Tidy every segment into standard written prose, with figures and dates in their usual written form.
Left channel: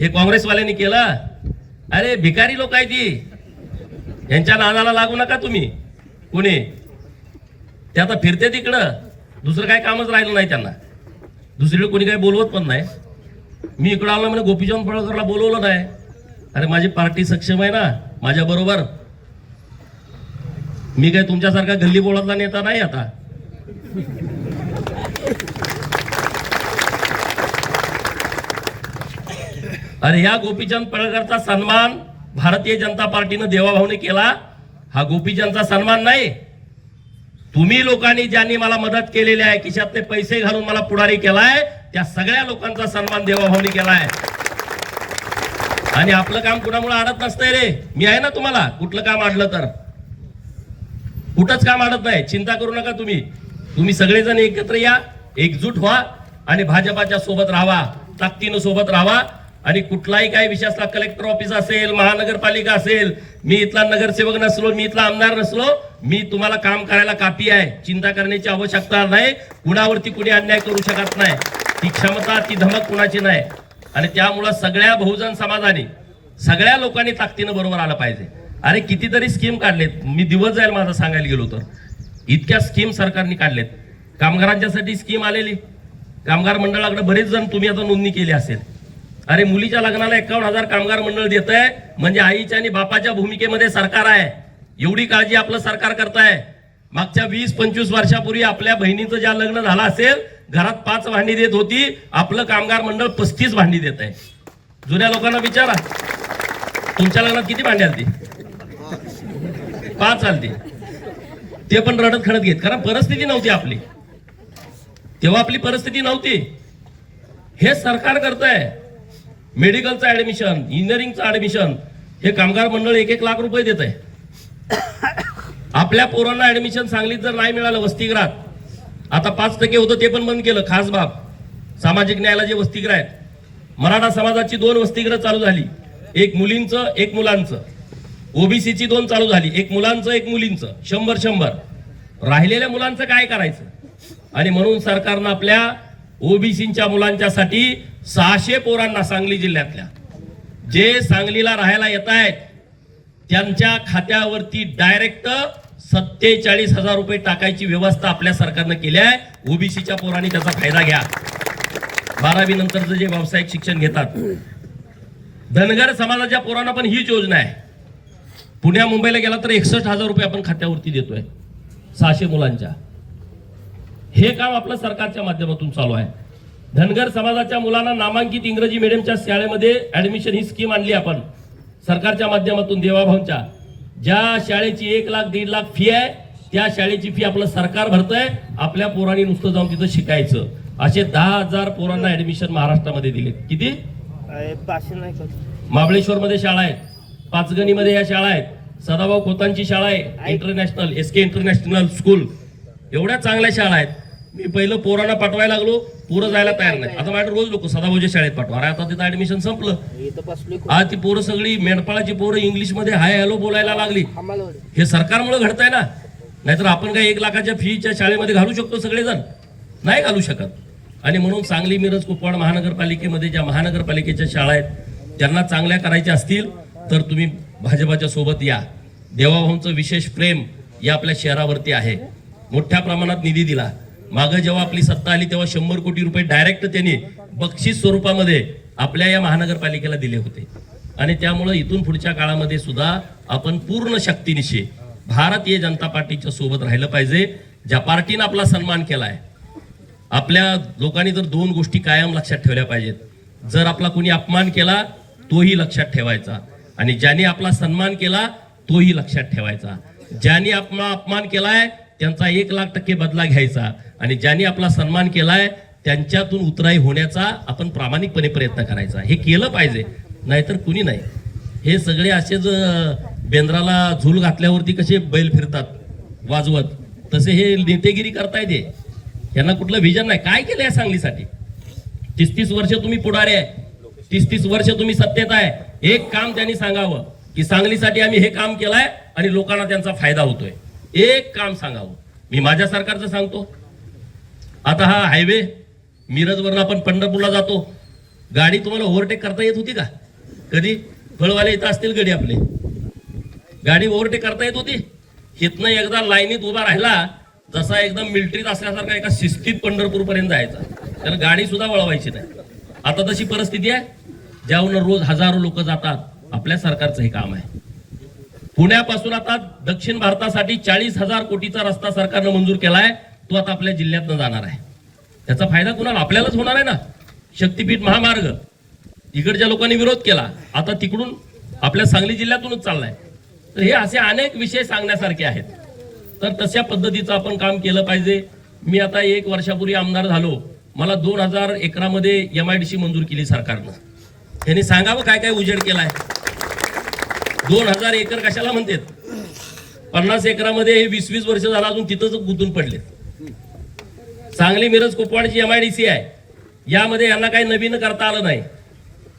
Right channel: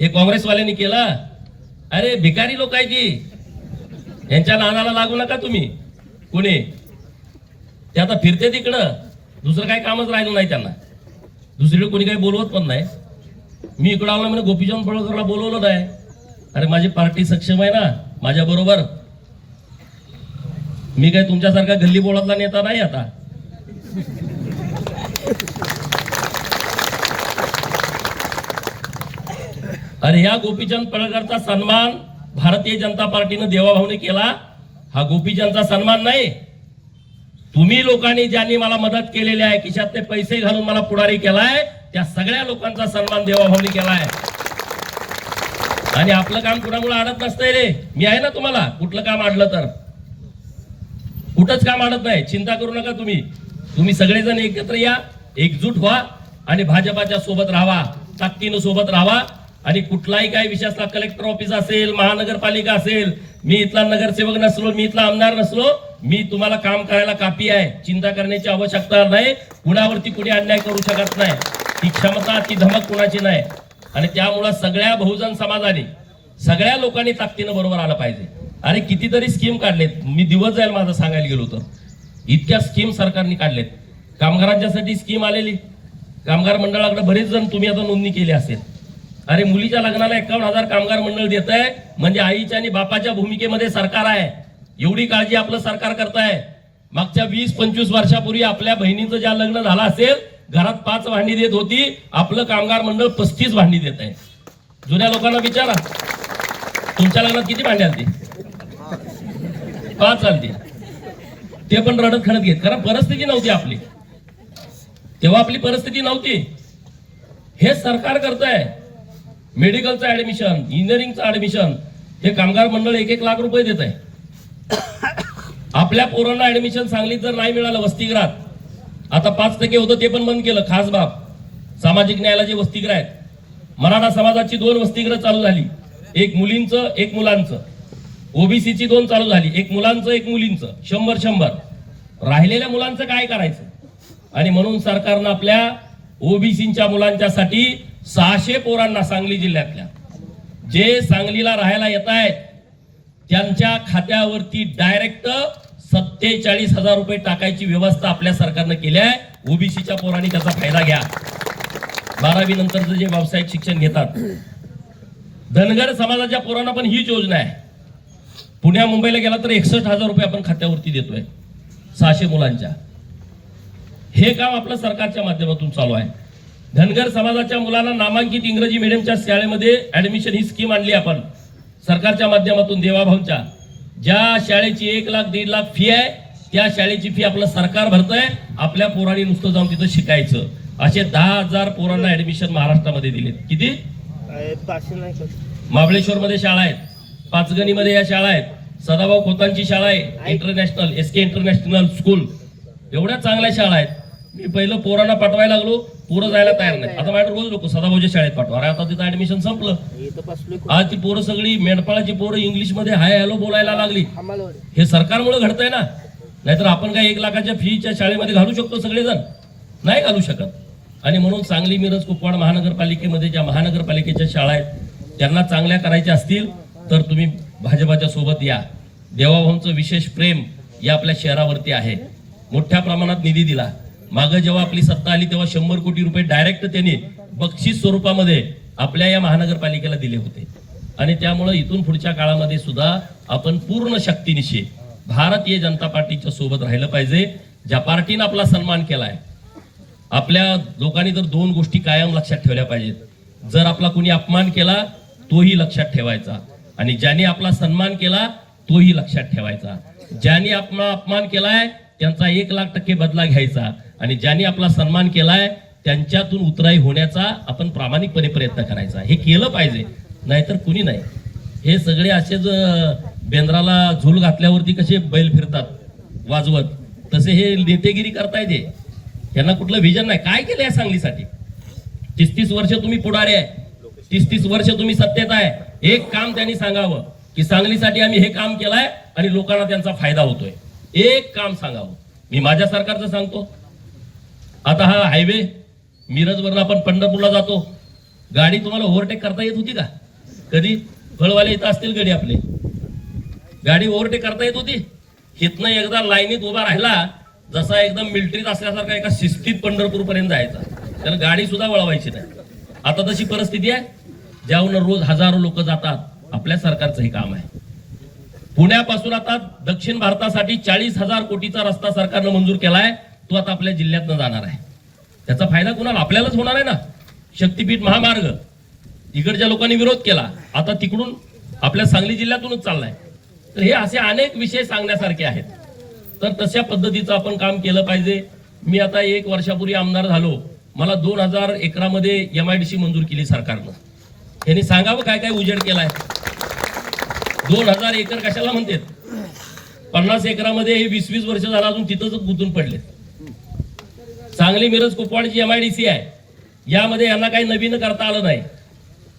हे काँग्रेसवाल्यांनी केलं. अरे भिकारी लोक आहे ती, यांच्या नादाला लागू नका तुम्ही. कोणी ते आता फिरते तिकडं, दुसरं काही कामच राहिलं नाही त्यांना. दुसरीकडे कोणी काही बोलवत पण नाही. मी इकडं आलो म्हणजे गोपीचंद पडळकरला बोलवलं नाही. अरे माझी पार्टी सक्षम आहे ना माझ्या बरोबर. मी काय तुमच्यासारखा गल्ली बोळातला नेता नाही आता. अरे ह्या गोपीचंद पडळकरचा सन्मान भारतीय जनता पार्टीनं देवाभाऊने केला. हा गोपीचंदचा सन्मान नाही. तुम्ही लोकांनी ज्यांनी मला मदत केलेली आहे, खिशातले पैसे घालून मला पुढारी केलाय, त्या सगळ्या लोकांचा सन्मान देवाभाऊने केलाय. आणि आपलं काम कुणामुळे अडत नसतंय रे. मी आहे ना तुम्हाला, कुठलं काम अडलं तर कुठंच काम अडत नाही. चिंता करू नका तुम्ही. तुम्ही सगळेजण एकत्र या, एकजूट व्हा आणि भाजपाच्या सोबत राहा, ताकदीनं सोबत राहा. आणि कुठलाही काही विषय असला, कलेक्टर ऑफिस असेल, महानगरपालिका असेल, मी इथला नगरसेवक नसलो, मी इथला आमदार नसलो, मी तुम्हाला काम करायला कापी आहे. चिंता करण्याची आवश्यकता नाही. कुणावरती कुणी अन्याय करू शकत नाही. ती क्षमता, ती धमक कुणाची नाही. आणि त्यामुळे सगळ्या बहुजन समाजाने, सगळ्या लोकांनी ताकदीनं बरोबर आलं पाहिजे. अरे कितीतरी स्कीम काढलेत. मी दिवस जाईल माझं सांगायला गेलो तर, इतक्या स्कीम सरकारने काढलेत. कामगारांच्यासाठी स्कीम आलेली, कामगार मंडळाकडे बरेच जण तुम्ही आता नोंदणी केली असेल. अरे मुलीच्या लग्नाला 51,000 कामगार मंडळ देत आहे. म्हणजे आईच्या आणि बापाच्या भूमिकेमध्ये सरकार आहे. एवढी काळजी आपलं सरकार करताय. मागच्या 20-25 वर्षापूर्वी आपल्या बहिणीचं ज्या लग्न झालं असेल, घरात 5 भांडी देत होती, आपलं कामगार मंडळ 35 भांडी देत आहे. जुन्या लोकांना विचारा, तुमच्या लग्नात किती भांडी आलती? 5 आलती. ते पण रडत खडत घेत, कारण परिस्थिती नव्हती आपली तेव्हा. आपली परिस्थिती नव्हती. हे सरकार करतंय. मेडिकलचं ऍडमिशन, इंजिनिअरिंगचं ऍडमिशन, हे कामगार मंडळ 1-1 लाख रुपये देत आहे. आपल्या पोरांना ऍडमिशन सांगलीत जर नाही मिळालं वसतिगृहात, आता 5% होतं ते पण बंद केलं. खास बाब, सामाजिक न्यायाला जे वसतिगृह आहेत, मराठा समाजाची 2 वसतिगृह चालू झाली, एक मुलींचं एक मुलांचं. ओबीसीची 2 चालू झाली, एक मुलांचं एक मुलींचं. 100-100 राहिलेल्या मुलांचं काय करायचं? आणि म्हणून सरकारनं आपल्या ओबीसीच्या मुलांच्यासाठी 600 पोरांना, सांगली जिल्ह्यातल्या जे सांगलीला राहायला येत आहेत, त्यांच्या खात्यावरती डायरेक्ट 47,000 रुपये टाकायची व्यवस्था आपल्या सरकारनं केली आहे. ओबीसीच्या पोरांनी त्याचा फायदा घ्या. 12वी नंतरचं जे व्यावसायिक शिक्षण घेतात. धनगर समाजाच्या पोरांना पण हीच योजना आहे. पुण्या मुंबईला गेला तर 61,000 रुपये आपण खात्यावरती देतोय 600 मुलांच्या. हे काम आपल्या सरकारच्या माध्यमातून चालू आहे. धनगर समाजाच्या मुलांना नामांकित इंग्रजी मीडियमच्या शाळेमध्ये ऍडमिशन ही स्कीम आणली आपण सरकारच्या माध्यमातून. देवाभाऊंच्या ज्या शाळेची 1 लाख 1.5 लाख फी आहे, त्या शाळेची फी आपलं सरकार भरतंय. आपल्या पोरांनी नुसतं जाऊन तिथं शिकायचं. असे 10,000 पोरांना ऍडमिशन महाराष्ट्रामध्ये दिले. किती? महाबळेश्वर मध्ये शाळा आहेत, पाचगणीमध्ये या शाळा आहेत, सदाभाऊ खोतांची शाळा आहे, इंटरनॅशनल SK इंटरनॅशनल स्कूल. एवढ्या चांगल्या शाळा आहेत. मी पहिलं पोरांना पाठवायला लागलो, पोरं जायला तयार नाही. आता माझ्या रोज लोक सदाभाऊच्या शाळेत पाठवा. आता तिथं ऍडमिशन संपलं. आज ती पोरं सगळी मेंढपाळाची पोरं इंग्लिश मध्ये हाय हॅलो बोलायला लागली. हे सरकारमुळे घडतंय ना. नाहीतर आपण काय 1 लाखाच्या फीच्या शाळेमध्ये घालू शकतो सगळेजण? नाही घालू शकत. आणि म्हणून सांगली, मिरज, कुपवाड महानगरपालिकेमध्ये ज्या महानगरपालिकेच्या शाळा आहेत, त्यांना चांगल्या करायच्या असतील तर तुम्ही भाजपाच्या सोबत या. देवाभाऊंचं विशेष प्रेम या आपल्या शहरावरती आहे. मोठ्या प्रमाणात निधी दिला. मागे जेव्हा आपली सत्ता आली तेव्हा 100 कोटी रुपये डायरेक्ट त्यांनी बक्षीस स्वरूपामध्ये आपल्या या महानगरपालिकेला दिले होते. आणि त्यामुळे इथून पुढच्या काळामध्ये सुद्धा आपण पूर्ण शक्तीनिशी भारतीय जनता पार्टीच्या सोबत राहिलं पाहिजे. ज्या पार्टीनं आपला सन्मान केलाय, आपल्या लोकांनी तर 2 गोष्टी कायम लक्षात ठेवल्या पाहिजेत. जर आपला कुणी अपमान केला तोही लक्षात ठेवायचा, आणि ज्यांनी आपला सन्मान केला तोही लक्षात ठेवायचा. ज्यांनी आपला अपमान केलाय त्यांचा 1,00,000% बदला घ्यायचा, आणि ज्यांनी आपला सन्मान केलाय त्यांच्यातून उतराई होण्याचा आपण प्रामाणिकपणे प्रयत्न करायचा. हे केलं पाहिजे, नाहीतर कुणी नाही. हे सगळे असेच बेंद्राला झूल घातल्यावरती कसे बैल फिरतात वाजवत, तसे हे नेतेगिरी करताय. ते यांना कुठलं विजन नाही. काय केलंय सांगलीसाठी? 30 वर्ष तुम्ही पुढारी आहे, 30 वर्ष तुम्ही सत्तेत आहे. एक काम त्यांनी सांगावं की सांगलीसाठी आम्ही हे काम केलंय आणि लोकांना त्यांचा फायदा होतोय. एक काम सांगावं. मी माझ्या सरकारचं सांगतो. आता हा हायवे मिरजवरून आपण पंढरपूरला जातो, गाडी तुम्हाला ओव्हरटेक करता येत होती का कधी? फळवाले येत असतील गडी आपले, गाडी ओव्हरटेक करता येत होती? इथनं एकदा लाईनीत उभा राहिला जसा एकदम मिलिटरीत असल्यासारखा एका शिस्तीत पंढरपूर पर्यंत जायचा, त्याला गाडी सुद्धा वळवायची नाही. आता तशी परिस्थिती आहे, ज्याहून रोज हजारो लोक जातात. आपल्या सरकारचं हे काम आहे. पुण्यापासून आता दक्षिण भारतासाठी 40,000 कोटीचा रस्ता सरकारनं मंजूर केलाय. तो आता आपल्या जिल्ह्यातनं जाणार आहे. त्याचा फायदा कुणाला? आपल्यालाच होणार आहे ना. शक्तीपीठ महामार्ग इकडच्या लोकांनी विरोध केला, आता तिकडून आपल्या सांगली जिल्ह्यातूनच चाललाय. तर हे असे अनेक विषय सांगण्यासारखे आहेत. तर तशा पद्धतीचं आपण काम केलं पाहिजे. मी आता 1 वर्षापूर्वी आमदार झालो, मला 2000 एकरामध्ये MIDC मंजूर केली सरकारनं. त्यांनी सांगावं काय काय उजेड केलाय. 2000 एकर कशाला म्हणतात? 50 एकरामध्ये हे 20-20 वर्ष झाला अजून तिथंच गुंतून पडले. सांगली मिरज कुपवाडची MIDC आहे, यामध्ये यांना काही नवीन करता आलं नाही.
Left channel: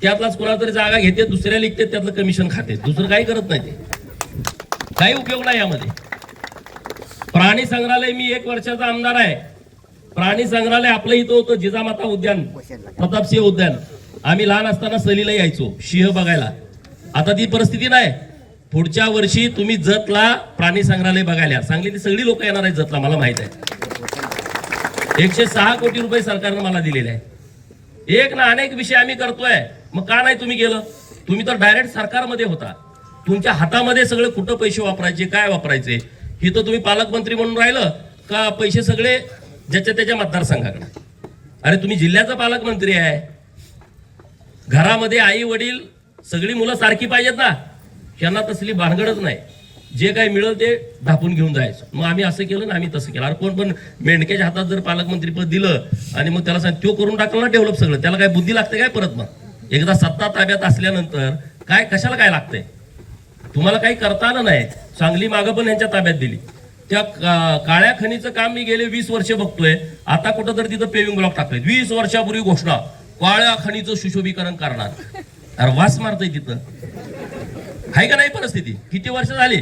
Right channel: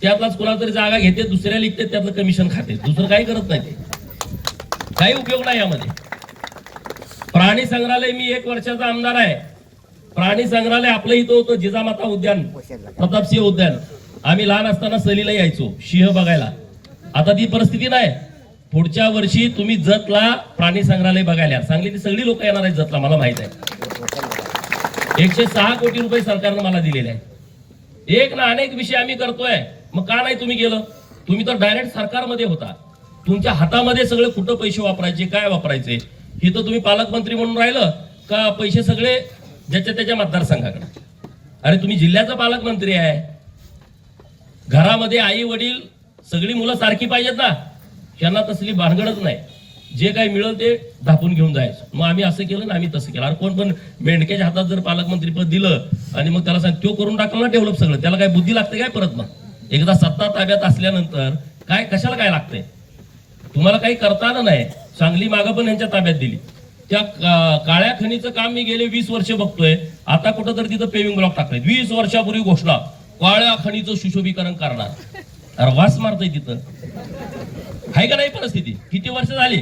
त्यातलाच कोणाला तरी जागा घेते, दुसऱ्या लिखते, त्यातलं कमिशन खाते, दुसरं काही करत नाही. ते काही उपयोग नाही यामध्ये. प्राणी संग्रहालय, मी 1 वर्षाचा आमदार आहे. प्राणी संग्रहालय आपलं इथं होतं, जिजामाता उद्यान, प्रतापसिंह उद्यान. आम्ही लहान असताना सहलीला यायचो सिंह बघायला. आता ती परिस्थिती नाही. पुढच्या वर्षी तुम्ही जतला प्राणी संग्रहालय बघायला, सांगलीतली सगळी लोक येणार आहेत जतला, मला माहित आहे. 106 कोटी रुपये सरकारनं मला दिलेले आहे. एक ना अनेक विषय आम्ही करतोय. मग का नाही तुम्ही गेलं? तुम्ही तर डायरेक्ट सरकारमध्ये होता, तुमच्या हातामध्ये सगळे कुठं पैसे वापरायचे, काय वापरायचे. इथं तुम्ही पालकमंत्री म्हणून राहिलं का पैसे सगळे ज्याच्या त्याच्या मतदारसंघाकडे. अरे तुम्ही जिल्ह्याचा पालकमंत्री आहे. घरामध्ये आई वडील सगळी मुलं सारखी पाहिजेत ना. त्यांना तसली भानगडच नाही. जे काही मिळेल ते धापून घेऊन जायचं. मग आम्ही असं केलं ना, आम्ही तसं केलं. अरे कोण पण मेंढक्याच्या हातात जर पालकमंत्री पद दिलं आणि मग त्याला सांग तो करून टाकलं ना डेव्हलप सगळं, त्याला काय बुद्धी लागते काय परत? मग एकदा सत्ता ताब्यात असल्यानंतर काय कशाला काय लागतंय? तुम्हाला काही करता आलं नाही. सांगली मागं पण यांच्या ताब्यात दिली. त्या काळ्या खनीचं काम मी गेले 20 वर्ष बघतोय. आता कुठं तर तिथं पेविंग ब्लॉक टाकले. 20 वर्षापूर्वी घोषणा, काळ्या खनीचं सुशोभीकरण करणार. अरे वास मारतय तिथं. आहे का नाही परिस्थिती? किती वर्ष झाली?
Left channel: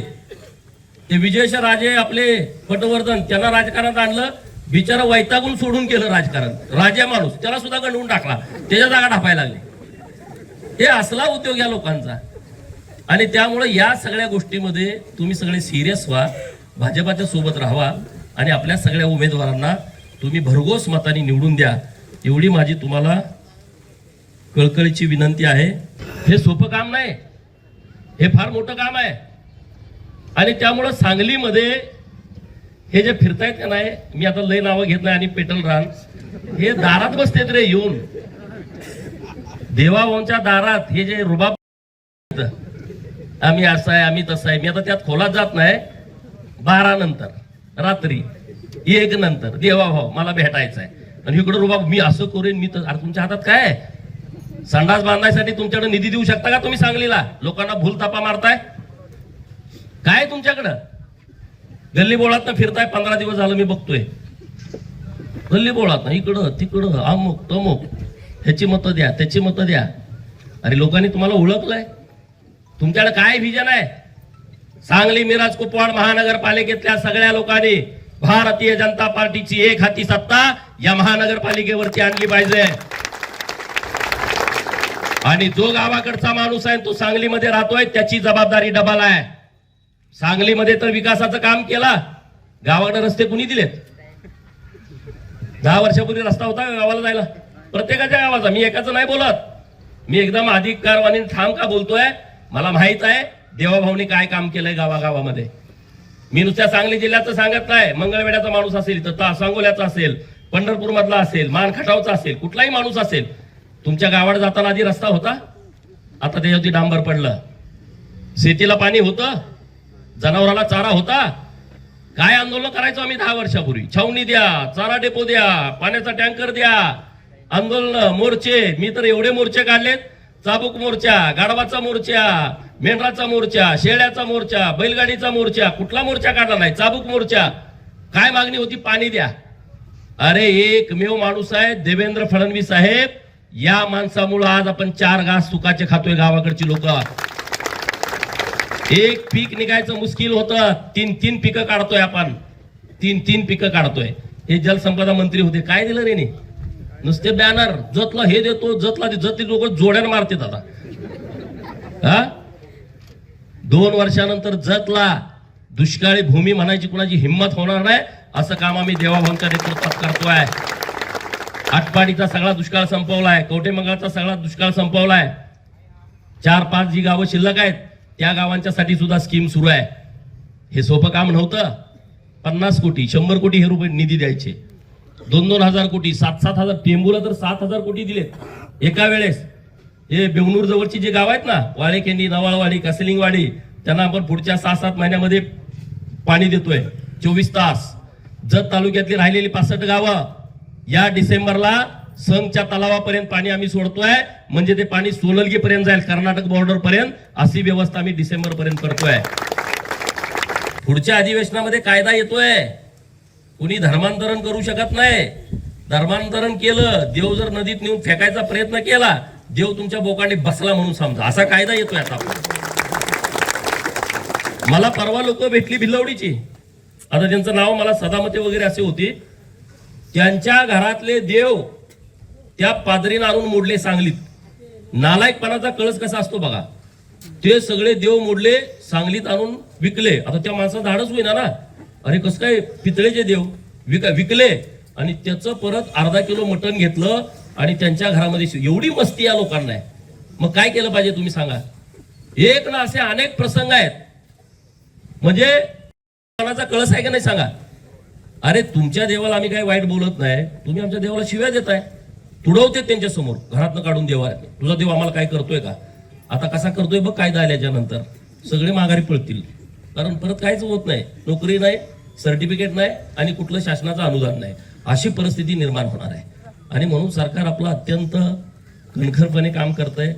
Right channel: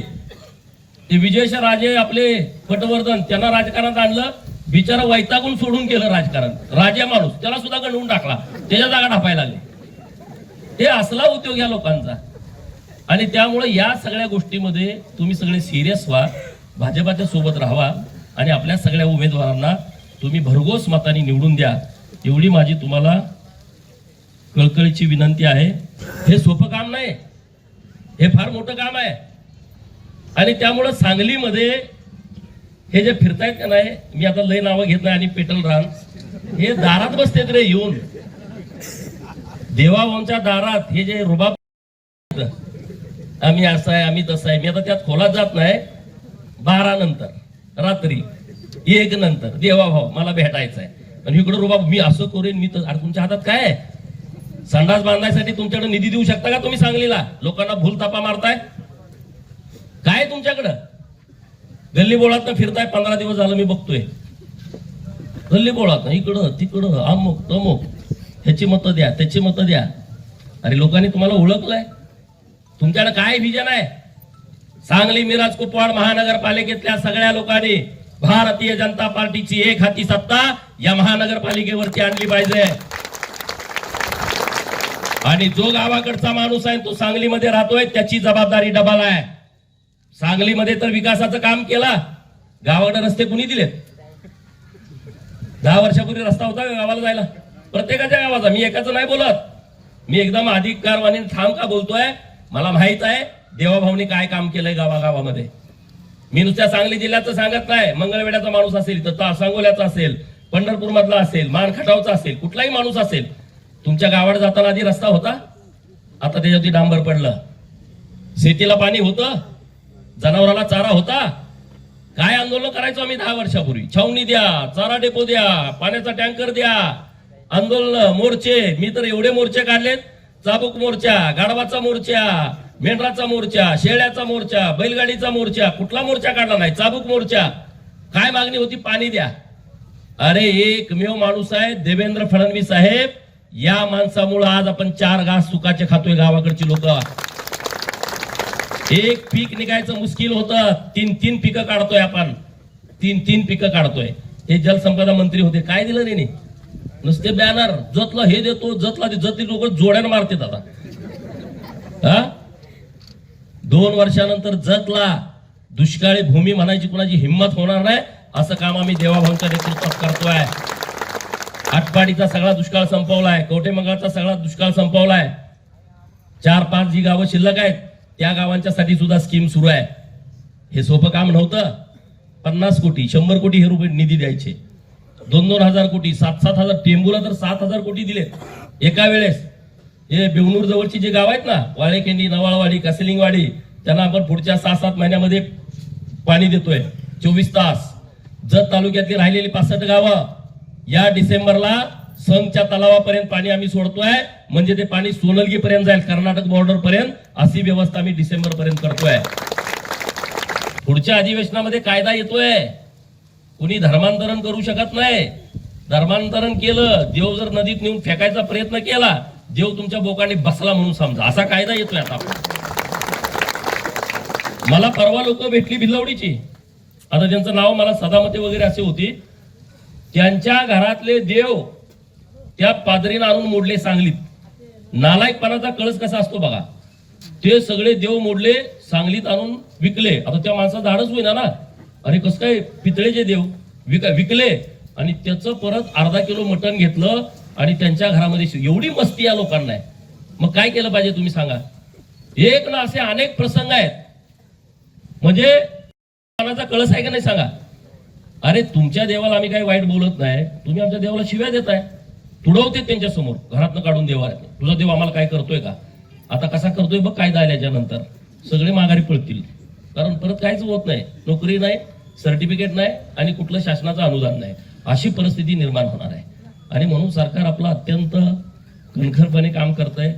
ते विजयश राजे आपले पटवर्धन, त्यांना राजकारणात आणलं, बिचारा वैतागून सोडून केलं राजकारण. राजा माणूस, त्याला सुद्धा गंडवून टाकला, त्याच्या जागा ढापायला लागले. हे असला उद्योग या लोकांचा. आणि त्यामुळे या सगळ्या गोष्टीमध्ये तुम्ही सगळे सिरियस व्हा, भाजपाच्या सोबत राहावा आणि आपल्या सगळ्या उमेदवारांना तुम्ही भरघोस मताने निवडून द्या, एवढी माझी तुम्हाला कळकळीची विनंती आहे. हे सोपं काम नाही, हे फार मोठं काम आहे. आणि त्यामुळं सांगलीमध्ये हे जे फिरतायत का नाही, मी आता लय नावं घेत नाही, आणि पेटल रान हे दारात बसतेत रे येऊन, देवाभाऊंच्या दारात. हे जे रुबाब, आम्ही असं आहे, आम्ही तसं आहे. मी आता त्यात खोलात जात नाही. 12 नंतर, रात्री 1 नंतर देवाभाऊ मला भेटायचं आहे. आणि इकडे रुबाब, मी असं करेन, मी तर. अरे तुमच्या हातात काय आहे? संडास बांधायसाठी तुमच्याकडे निधी देऊ शकता का तुम्ही? सांगलीला लोकांना भूल तापा मारताय काय तुमच्याकडं? गल्ली बोळात फिरताय. 15 दिवस झालं मी बघतोय गल्ली बोळात, इकडं तिकडं, अमुक तमुक, ह्याची मतं द्या, त्याची मतं द्या. अरे लोकांनी तुम्हाला ओळखलंय, तुमच्याकडे काय विजन आहे? सांगली मिरज कुपवाड महानगरपालिकेतल्या सगळ्या लोकांनी भारतीय जनता पार्टीची एक हाती सत्ता या महानगरपालिकेवरती आणली पाहिजे. आणि जो गावाकडचा माणूस आहे तो सांगलीमध्ये राहतोय, त्याची जबाबदारी डबल आहे. सांगलीमध्ये तर विकासाचं काम केला, गावाकडे रस्ते कुणी दिलेत? 10 वर्षापूर्वी रस्ता होता गावाला जायला, प्रत्येकाच्या गावाचा. मी एकाच नाही बोलत, मी एकदम अधिकारवाणी ठाम का बोलतोय, मला माहित आहे देवाभाऊने काय काम केलंय गावागावामध्ये. मी नुसत्या सांगली जिल्ह्याचं सांगत नाही. मंगळवेढ्याचा माणूस असेल, तर सांगोल्याचा असेल, पंढरपूर मधला असेल, मानखटावचा असेल, कुठलाही माणूस असेल, तुमच्या गावात जाताना आधी रस्ता होता, आता त्याच्यावरती डांबर पडलं. शेतीला पाणी होतं, जनावराला चारा होता. काय आंदोलन करायचो आम्ही 10 वर्षापूर्वी? छावणी द्या, चारा डेपो द्या, पाण्याचा टँकर द्या, आंदोलन, मोर्चे. मी तर एवढे मोर्चे काढलेत, चाबूक मोर्चा, गाढवाचा मोर्चा, मेंढराचा मोर्चा, शेळ्याचा मोर्चा, बैलगाडीचा मोर्चा, कुठला मोर्चा काढला नाही, चाबूक मोर्चा. काय मागणी होती? पाणी द्या. अरे एकमेव माणूस आहे देवेंद्र फडणवीस साहेब, या माणसामुळे आज आपण 4 घास सुखाचे खातोय गावाकडची लोक. एक पीक निघायचं मुश्किल होतं, 3 पिकं काढतोय आपण, 3 पिकं काढतोय. हे जलसंपदा मंत्री होते, काय दिलं नाही? नुसते बॅनर, जतला हे देतो, जतला जतली लोक जोड्यानं मारतात आता. हा 2 वर्षानंतर जतला दुष्काळी भूमी म्हणायची कुणाची हिंमत होणार नाही. असं काम आम्ही देवाभाऊंच्या नेतृत्वात करतोय. आटपाडीचा सगळा दुष्काळ संपवलाय, कवठेमंगळचा सगळा दुष्काळ संपवलाय. 4-5 जी गावं शिल्लक आहेत त्या गावांच्यासाठी सुद्धा स्कीम सुरू आहे. हे सोपं काम नव्हतं. 50 कोटी 100 कोटी हे रुपये निधी द्यायचे, 2-2 हजार कोटी, 7-7 हजार, टेंबूला तर 7,000 कोटी दिलेत एका वेळेस. हे बेवणूर जवळची जे गाव आहेत ना, वाळेकेंडी, नवाळवाडी, कासलिंगवाडी, त्यांना आपण पुढच्या 6-7 महिन्यामध्ये पाणी देतोय 24 तास. जत तालुक्यातली राहिलेली 65 गावं या डिसेंबरला संघच्या तलावापर्यंत पाणी आम्ही सोडतोय. म्हणजे ते पाणी सोललगी पर्यंत जाईल, कर्नाटक बॉर्डर पर्यंत. अशी व्यवस्था आम्ही डिसेंबर पर्यंत करतोय. पुढच्या अधिवेशनामध्ये कायदा येतोय, कुणी धर्मांतरण करू शकत नाही. धर्मांतरण केलं, देव जर नदीत नेऊन फेकायचा प्रयत्न केला, देव तुमच्या बोकांनी बसला म्हणून समजा, असा कायदा येतोय आता. मला परवा लोक भेटली भिलवडीची, आता ज्यांचं नाव मला सदामते वगैरे असे होते, त्यांच्या घरातले देव त्या पादरीनं आणून मोडले सांगलीत. नालायकपणाचा कळस कसा असतो बघा. ते सगळे देव मोडले, सांगलीत आणून विकले. आता त्या माणसाचं धाडच होईना ना, अरे कसं काय पितळेचे देव विकले, आणि त्याचं परत अर्धा किलो मटण घेतलं आणि त्यांच्या घरामध्ये. एवढी मस्ती या लोकांना आहे. मग काय केलं पाहिजे तुम्ही सांगा. एक ना असे अनेक प्रसंग आहेत. म्हणजे मनाचा कळस आहे का नाही सांगा. अरे तुमच्या देवाला आम्ही काही वाईट बोलत नाही, तुम्ही आमच्या देवाला शिव्या देताय, तुडवते त्यांच्या समोर, घरातनं काढून देवा. तुझा देव आम्हाला काय करतोय का. आता कसा करतोय बघ कायदा आल्याच्या नंतर. सगळे माघारी पळतील, कारण परत काहीच होत नाही, नोकरी नाही, सर्टिफिकेट नाही आणि कुठलं शासनाचं अनुदान नाही. अशी परिस्थिती निर्माण होणार आहे. आणि म्हणून सरकार आपलं अत्यंत कणखरपणे काम करतंय.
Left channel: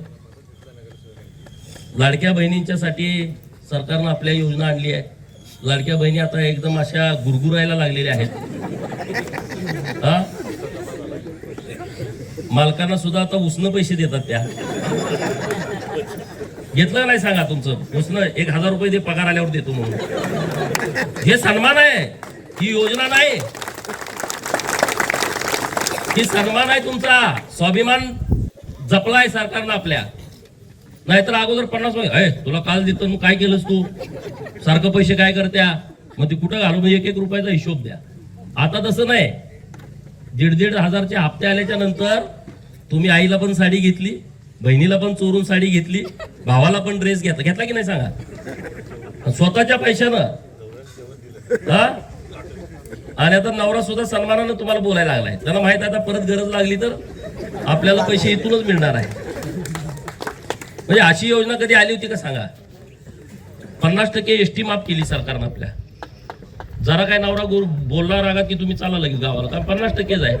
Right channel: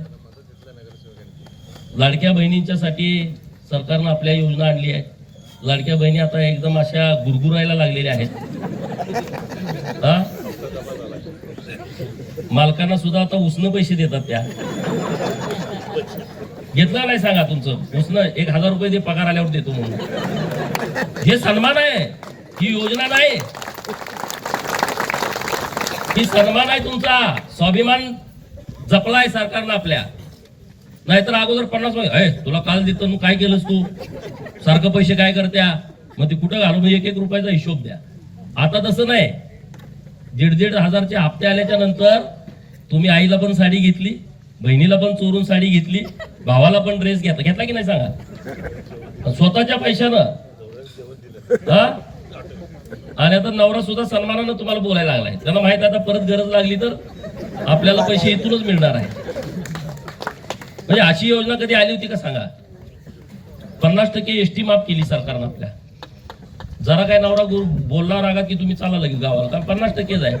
लाडक्या बहिणींच्यासाठी सरकारनं आपल्या योजना आणली आहे. लाडक्या बहिणी आता एकदम अशा गुरगुरायला लागलेल्या आहेत. हा मालकांना सुद्धा आता उसनं पैसे देतात. त्या घेतलं नाही सांगा तुमचं उसनं 1,000 रुपये दे, पगार आल्यावर देतो म्हणून. हे सन्मान आहे, ही योजना नाही. ही सन्मान आहे तुमचा, स्वाभिमान जपलाय सरकारनं आपल्या. नाहीतर अगोदर 50 तुला काल देतो, मग काय केलंस तू, सारखं पैसे काय करत्या, मग ते कुठं घालू, 1-1 रुपयाचा हिशोब द्या. आता तसं नाही. 1,500 हजारचे हप्ते आल्याच्या नंतर तुम्ही आईला पण साडी घेतली, बहिणीला पण चोरून साडी घेतली, भावाला पण ड्रेस घेतला की नाही सांगा, स्वतःच्या पैशानं. हा आणि आता नवरा सुद्धा सन्मानानं तुम्हाला बोलायला लागलाय. त्याला माहित आहे आता परत गरज लागली तर आपल्याला पैसे इथूनच मिळणार आहे. म्हणजे अशी योजना कधी आली होती का सांगा. 50% एसटी माफ केली सरकारनं आपल्या. जरा काय नवरा बोलणार रागात की तुम्ही चाला लगेच गावाला, कारण 50% आहे.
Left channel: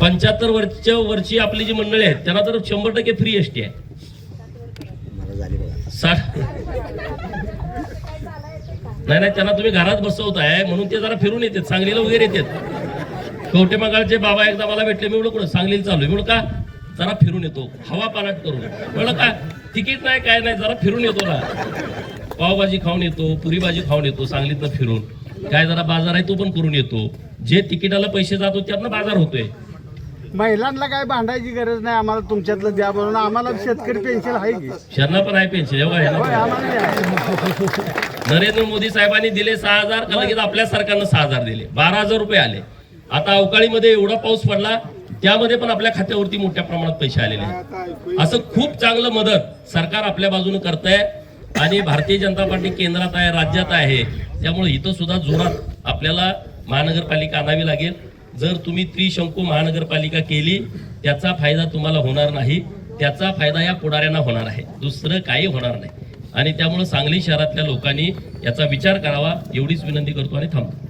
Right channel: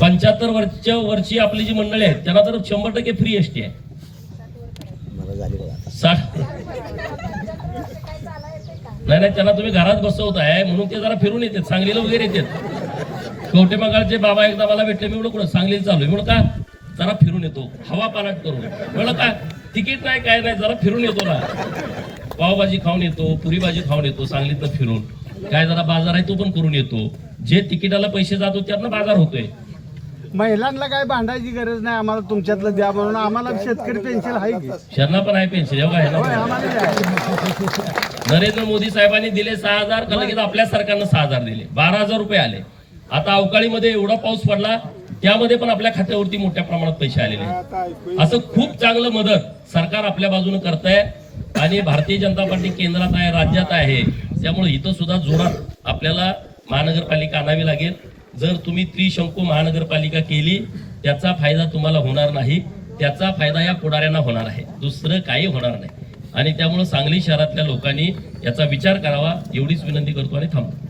75 वर्षी आपली जी मंडळी आहेत त्यांना तर 100% फ्री एसटी आहे. नाही त्यांना तुम्ही घरात बसवताय म्हणून ते जरा फिरून येतात, सांगलीला वगैरे येतात. कवठेमंगळचे बाबा एकदा मला भेटले, मी म्हणून सांगलीला चालू म्हणून का, जरा फिरून येतो, हवा पाण्यात करून. म्हणलं का तिकीट नाही काय नाही, जरा फिरून येतो ना, पावभाजी खाऊन येतो, पुरी भाजी खाऊन येतो सांगलीतनं फिरून. काय जरा बाजार आहे तो पण करून येतो. जे तिकिटाला पैसे जातो त्यातनं बाजार होतोय. महिलांना काय भांडायची गरज नाही, आम्हाला तुमच्यातलं द्या म्हणून. आम्हाला शेतकरी पेन्शन आहे की, शरणा पण आहे पेन्शन. नरेंद्र मोदी साहेबांनी दिले 6,000, का लगेच आपल्या सरकारनं 6,000 दिले, 12,000 रुपये आले. आता अवकाळीमध्ये एवढा पाऊस पडला, त्यामध्ये पण आपल्या खात्यावरती मोठ्या प्रमाणात पैसे आलेले आहेत. असं खूप चांगलं मदत सरकार आपल्या बाजूने करतंय. आणि भारतीय जनता पार्टी केंद्रात आहे, राज्यात आहे, त्यामुळे इथं सुद्धा जोरात आपल्याला महानगरपालिका आणावी लागेल. जर तुम्ही त्रिशंकू महानगरपालिका केली, त्याचा फायदा तुम्हाला होणार नाही, त्याचा फायदा या पुढाऱ्यांना होणार आहे, दुसरं काही होणार नाही. आणि त्यामुळे सांगली शहरातल्या लोकांनी याचा विचार करावा, एवढीच विनंती करतो आणि थांबतो.